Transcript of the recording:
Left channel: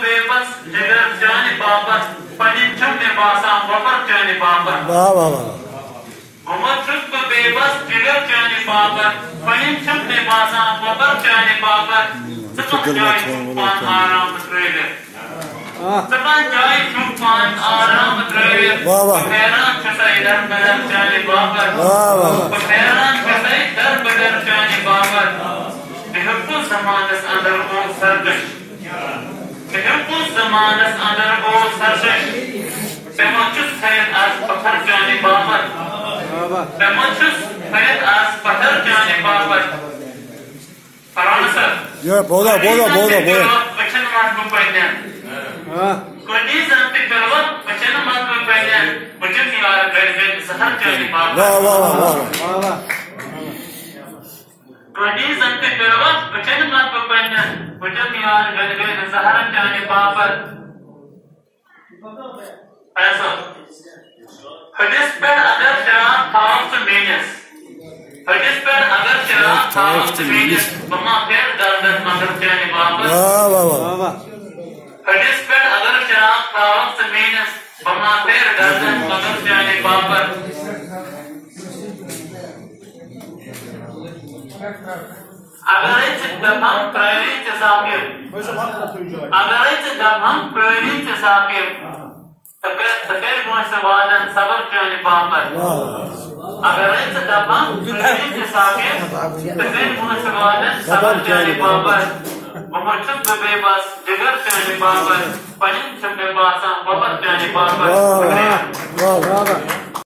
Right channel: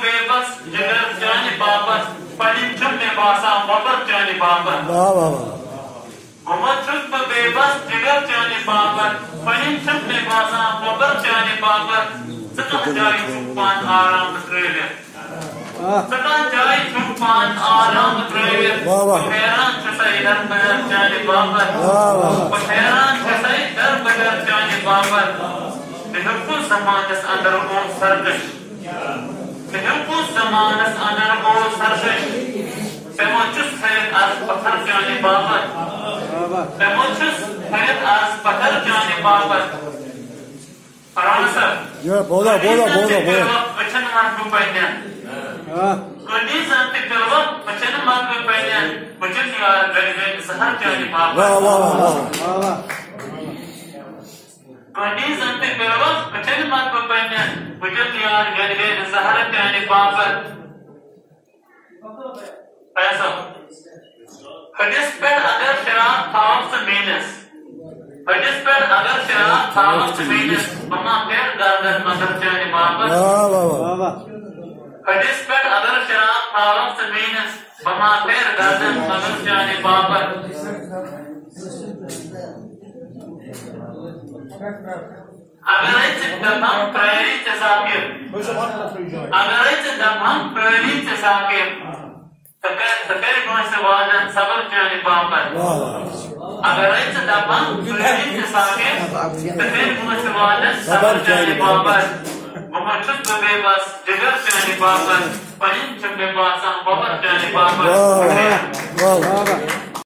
बेबस जिगर जाने बाबत पनिचम में बासा वबर जाने बाबत बेबस जिगर जाने बाबत पनिचम में बासा वबर जाने बाबत सतत जाए सुपान आराम ट्रेले सतत जाए सुपान आराम ट्रेले हैरान कसाई दर बदर जाने बाबत हैरान कसाई दर बदर जाने बाबत बिल्कुल समानस अंदर को सरगश बिल्कुल समानस अंदर को सरगश पेमोचुस फैद आज पत्थर जाने बाबत पेमोचुस फैद आज पत्थर जाने बाबत फरान सर ये बोला वचन मात को पहने कोई जानते करो वचन मात को पहने वचन निवार गए सहर जाने बाबत कोई जानते करो वचन मात को पहने वचन निवार गए सहर जाने बाबत ऐसा हदीस पर अगर शराब खाओ तो मेनस हदीस पर अगर शराब खाओ तो मेनस बमा फिर दर्द मगर जाने बाबत हदीस पर अगर शराब खाओ तो मेनस बमा फिर दर्द मगर जाने बाबत अगर इस दफा प्रायरी तसाफिर तपेर गुण से वादन सबर जाने बाबर अगर इस दफा प्रायरी तसाफिर तपेर गुण से वादन सबर जाने बाबर मोहम्मद बेबस जिगर जाने बाबर पनिम से बेबासा वबर जाने बाबर